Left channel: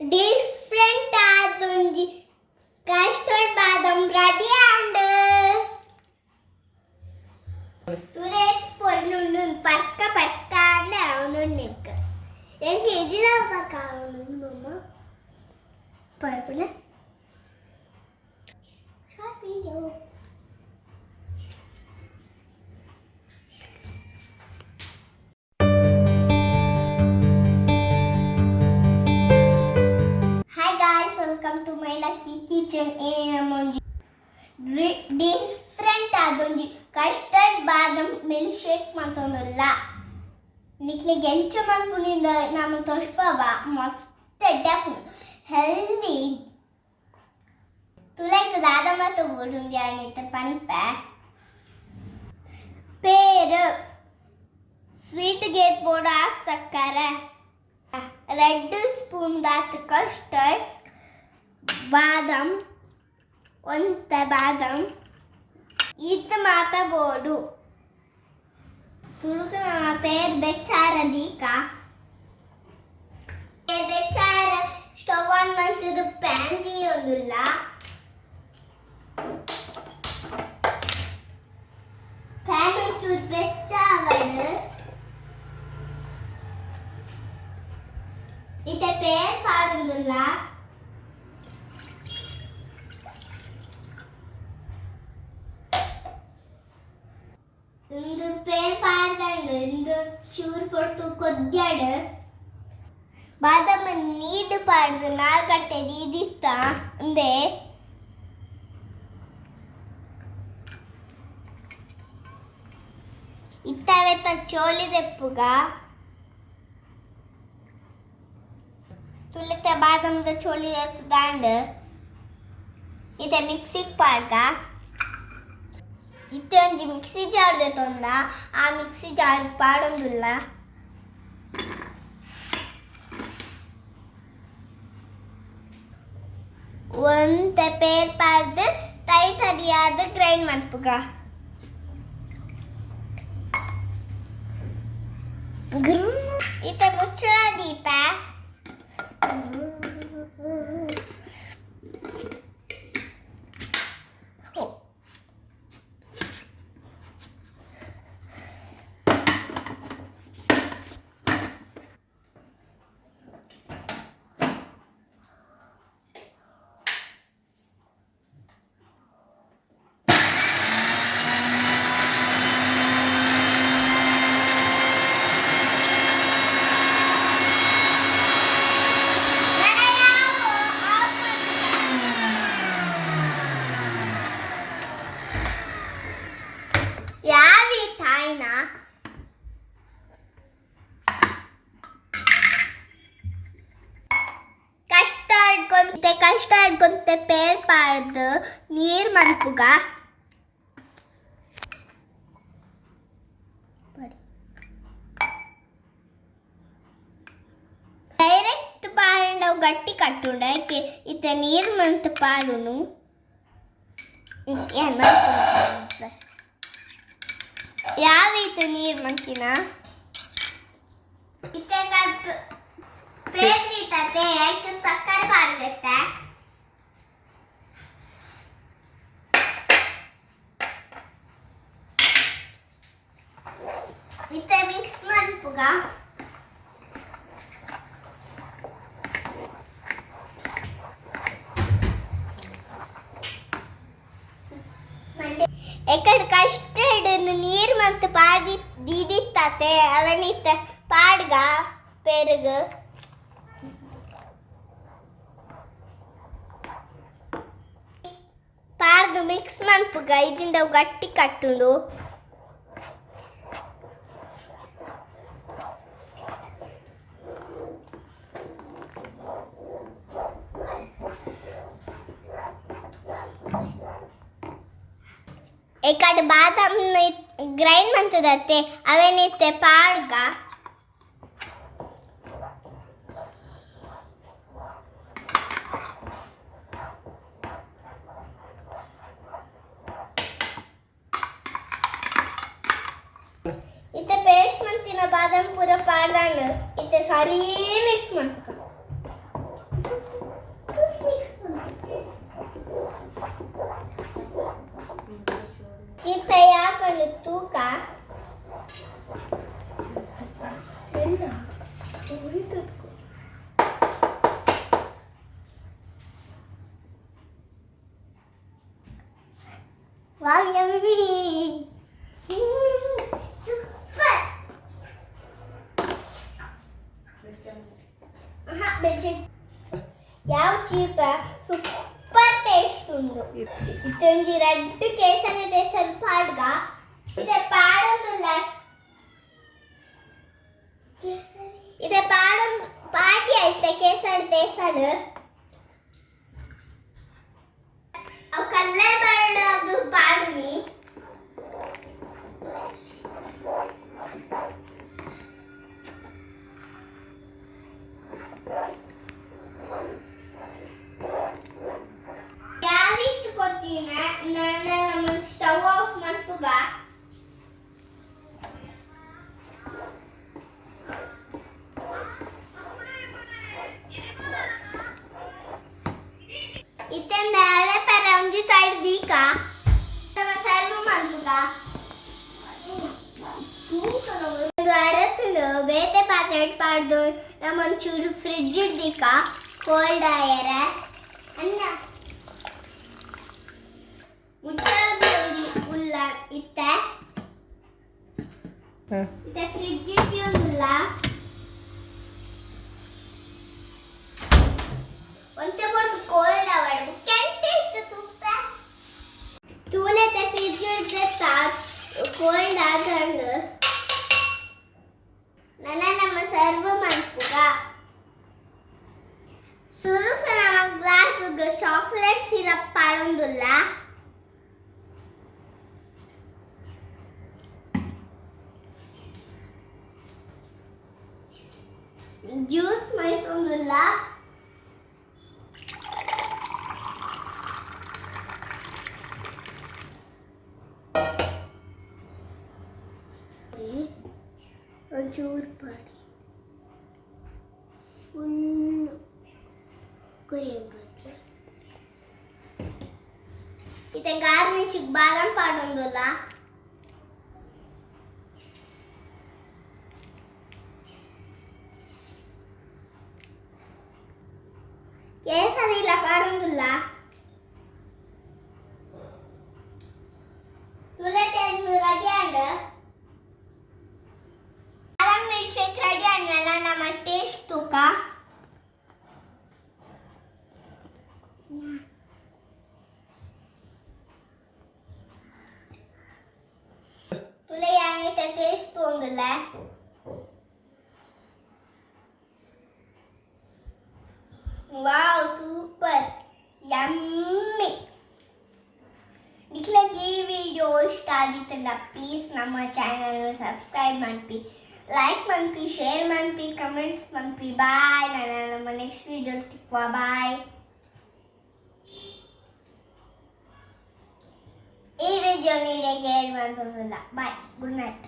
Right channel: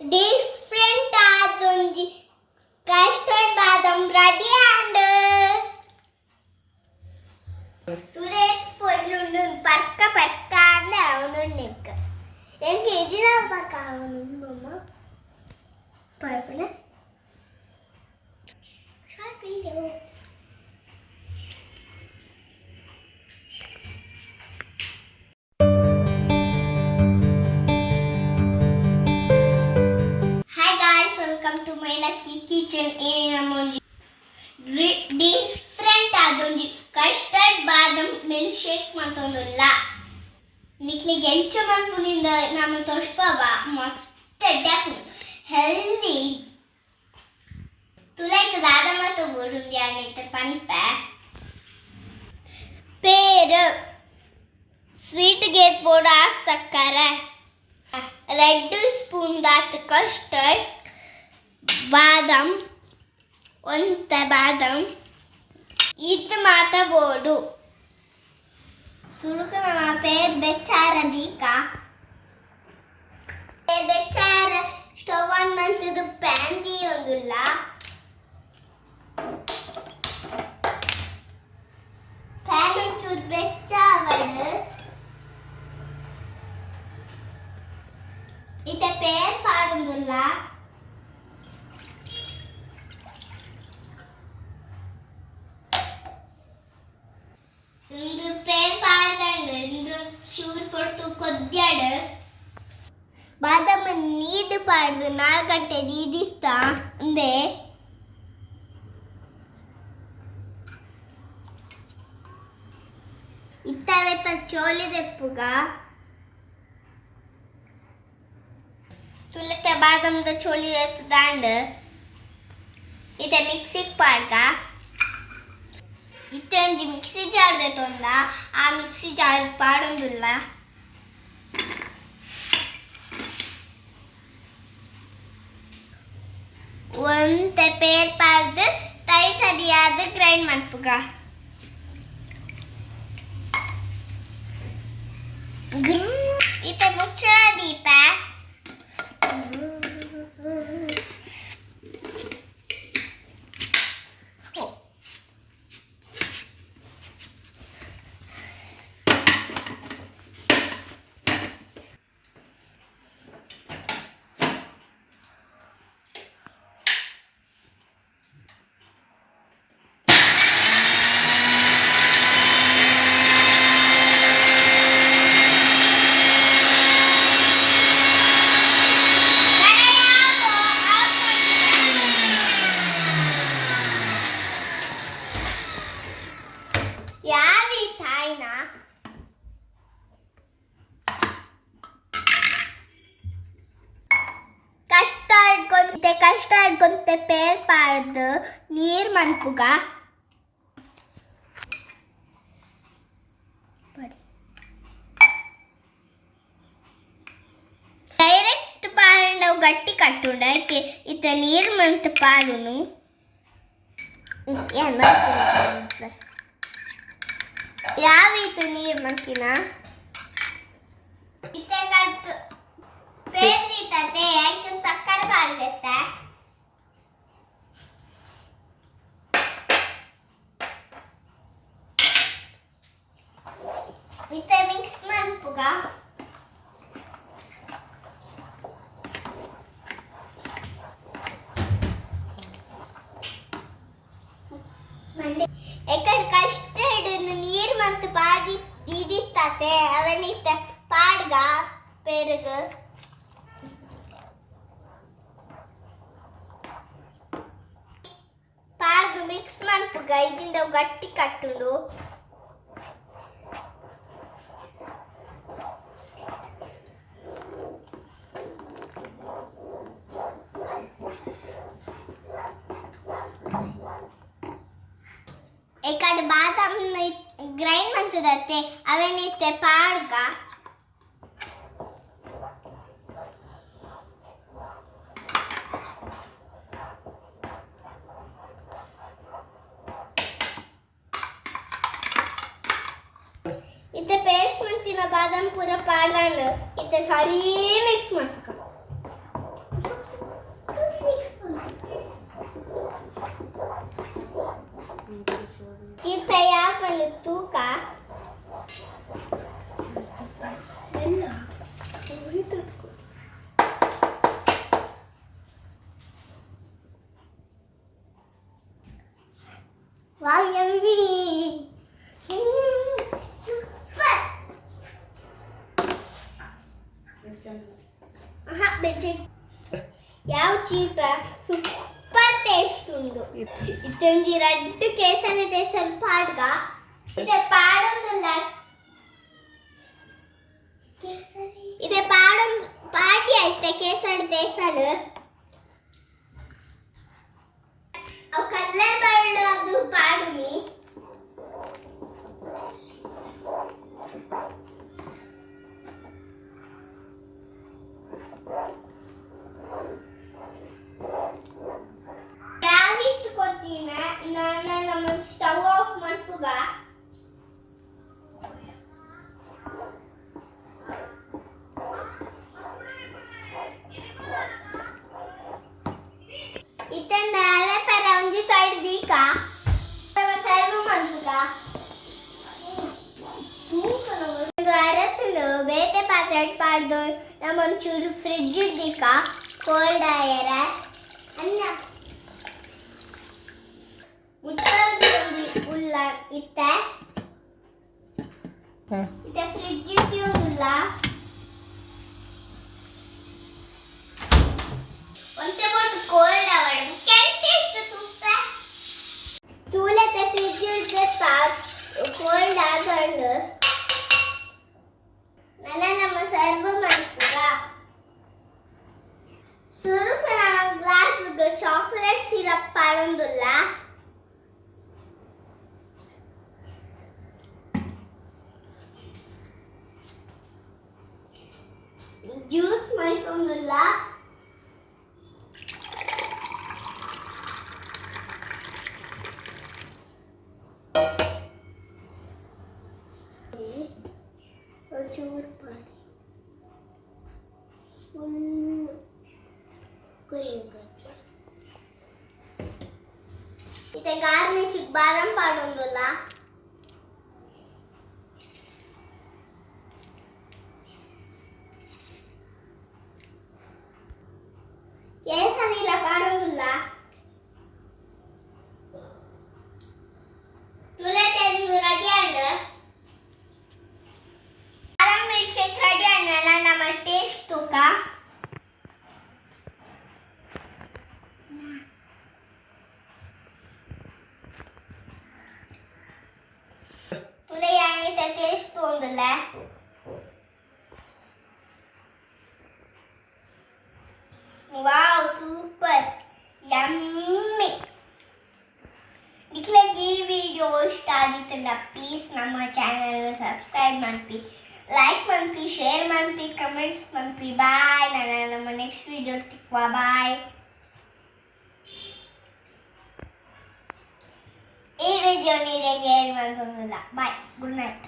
different adonji custard badam ready and today polundu parka and avununnikku enga ejina parka avunundu mama parpuna short video. Welcome to my lucky kitchen. Different adonji custard badam milkshake matondula. Nikle gencha manpuninda namu toshpava mast deku healthy. Tulek dadama to godundi anite panpa. Peru sweet gate boda sakkara. Red spoon that custard. ಬಾದಾಮ್ ಒಂತ ಬಾದಾಮ್ ಇದು ಮಾತಬೋಡು ಸುರುಕ ನಮ್ಮ ಪೇರ್ ಬೆಚ್ಚಾರ ದೀಕ ಪೇರ್ ಬೆಚ್ಚಾರ ಸ್ಟವ್ ಆನ್ ಮಾಡ್ತಿದ್ದು ಪ್ಯಾನ್ ದಿ ಒಂದುಲ್ಲ ಪ್ಯಾನ್ ಒಂಚೂರು ಬೆಚ್ಚಾವಡು ಇತ ಪೇರ್ ಪಾಡುವುದಿಲ್ಲ ಒಂದು ಪೇರ್ ಪಾಡ್ದಂಗ ಒಂದು ಚೂರು ಪಡ್ತು ಕೊದ್ಯಾಡು ಬಾದಾಮ ನೀಡು ಪಾಡ್ದು 4 ಗಂಟೆ ನೀದಿಸ್ತಾ ಅಂದೆ ಇತ್ತವೆತ್ತ ಚೋಲಿ ದೆಪ್ಪುಗ ತುಲತೆ ಬಾದಾಮದ ಚೋಲಿ ದೆತ್ತು ದಾಂಡು ಇತ ಮಿಕ್ಸಿಗೆ ಪಾಡ್ಗ ಇತ್ತೆ ಒಂಜಿ ಮಿಕ್ಸಿ ಜಾರ್ ದೆತ್ತೊಂದ ಆ ಮಿಕ್ಸಿ ಜಾರ್ ಪಾಡೊಂದುಲ್ಲ ಒಂತೆ ಪೇರ್ ಪಾಡ್ದು ತರಿಯಾದ ಗ್ರೈಂಡ್ ಮಾಡ್ಪುಗ ಇತ್ತೆ ಮುಚ್ಚಳ ದೀಪ ಕಸ್ಟರ್ಡ್ ಗೊಂತೆ ಪೇರ್ ಪಾಡ್ದು ನೀರ್ ಮನ್ಪುಗ ಡೈರೆಕ್ಟ್ ಪಾಡವು ಗಟ್ಟಿ ಕಟ್ಟುಂಡ ಇತ್ತ ನೀರ್ ಮಂತ್ ಪಾಡುನು ಯಾವ ಈತ ನೀರ್ ಮಂತಿನ ಇತ್ತ ಪೇರ್ ನೀತತೆ ಸಕ್ಕರೆ ಪಾಡ್ಗತ್ತೆ ಇತ್ತೆ ಮಿಕ್ಸ್ ಮಾಡ್ಪುಗ ಎಕಡೆ ಕಸ್ಟರ್ಡ್ ನೀರ್ ಮತ್ತು ಪಾಡಿ ದೀದಿತ್ತತೆ ಅವನಿತ್ತ ಪಾಡ್ಗ ಪೆರುಗು ಪಾಡ್ದು ಮಿಕ್ಸ್ ಮಾಡ್ಪುಗ ಇದಿಂದ ಗಟ್ಟಿ ಕಟ್ಟುಂಡು एकड़ बादाम ग्राइंड मंतदते अवेनिते पाड्ग इते पेस्ट मंतिना बादाम पूरा पाडलांड इते सारी मिक्स मंतक ಬೆಜೆಟ್ ಯಾವ ಚೀಪ ಸೂಪರ್ ಟೇಸ್ಟ್ ಉಂಡು ಇತ್ತೊಂಜಿ ರಡ್ಡ್ ಕೇಸರಿ ದೇಸನ್ ಪಾಡ್ಗ ಇದೆ ಪಾಡೊಂದುಲ್ಲ ಇದೆ ಪಾಡಿ ಐತೆ ಕೇಸರಿ ದೇಸನ್ ಅವು ಕಲ್ಲರ್ ಬರೋದು ಪಾಡುನಿ ನಾನು ಸ್ಟವ್ ಆಫ್ ಮಾಡ್ತುಗ ಇತ್ತಂದ ಪರ ಒಂಜಿ ಸೈಡ್ ದೀಕ ಸರ್ವ್ ಮಾಡ್ತುಗ ಒಂದು ಅರತ್ತುಂಡು ಬೇತೆ ಪಾತ್ರೆ ಪಾಡ್ದು ನಮ್ಮ ಒಂಚೂರು ಫ್ರಿಡ್ಜ್ ದೀಕ ಕೋಲ್ಡ್ ಆಯರ ಅನ್ನ ಉಲ್ಲ ಇತ್ತೆ ಫ್ರಿಡ್ಜ್ ಇಟ್ಟಿಲ್ಲ ಒಂತೆ ಬರ್ದು ಕೋಲ್ಡ್ ಅವರ್ದು ಕೆಂಟ್ ಎಷ್ಟು ತುಪ್ಪ ತೂಲೆತೆ ಫ್ರಿಡ್ಜ್ ಇಡ್ದೆ ಕೋಲ್ಡ್ ಆದಂಡು ನಮ್ಮ ಸರ್ವ್ ಮಾಡ್ತದ ಸುರುಕ ನಮ್ಮ ಗ್ಲಾಸ್ಗೆ ಚಾಕ್ಲೇಟ್ ಸಿರಪ್ ಪಾಡೊಂದುಲ್ಲ ಜ್ಯೂಸ್ ಮಾಡ್ಕೊಂಡುಲ್ಲ ಒಂಚೂರು ಪಾಡಿ ಫುಲ್ ಕುರಿಯಂಗೆ ಇತ್ತೆ ಗಾರ್ನಿಶಿಗೆ ಬಾದಾಮ್ ಪಾಡೊಂದುಲ್ಲ ಕೇಸರಿಲ್ಲ ಪಾಡೊಂದುಲ್ಲ ತುಲೆತೆಂದು ready and badam milk shake ready and ನಮ್ಮ ಟೇಸ್ಟ್ ತೂಕ ತುಲೆ ಯಾನಿತ ಟೇಸ್ಟ್ ತೋಂದುಲ್ಲ ವಾವ್ ಸೂಪರ್ ಯಮ್ಮಿ ನಿಕ್ಲೆಗೆ ಈ ವಿಡಿಯೋ ಇಷ್ಟ ಆಗಿತ್ತಂದ್ರೆ ಪ್ಲೀಸ್ ನಮ್ಮ ಚಾನಲ್ನ ಸಬ್ಸ್ಕ್ರೈಬ್ ಮಾಡ್ಪಿ ಲೈಕ್ ಮಾಡ್ಪಿ ಶೇರ್ ಮಾಡ್ಪಿ ಕಮೆಂಟ್ಸ್ ಮಾಡ್ಪಿ ಬಾಯ್ ನಾನು ನಮ್ಮ ನೆಕ್ಸ್ಟ್ ವಿಡಿಯೋ ತಿಕ್ವಾ ಬಾಯ್ ಈ ವಿಡಿಯೋ ನೀರಿಗೆ ಏನು ಮಾಡ್ಸೋದಿಲ್ಲ ಬಾಯ್ ಗುಡ್ ನೈಟ್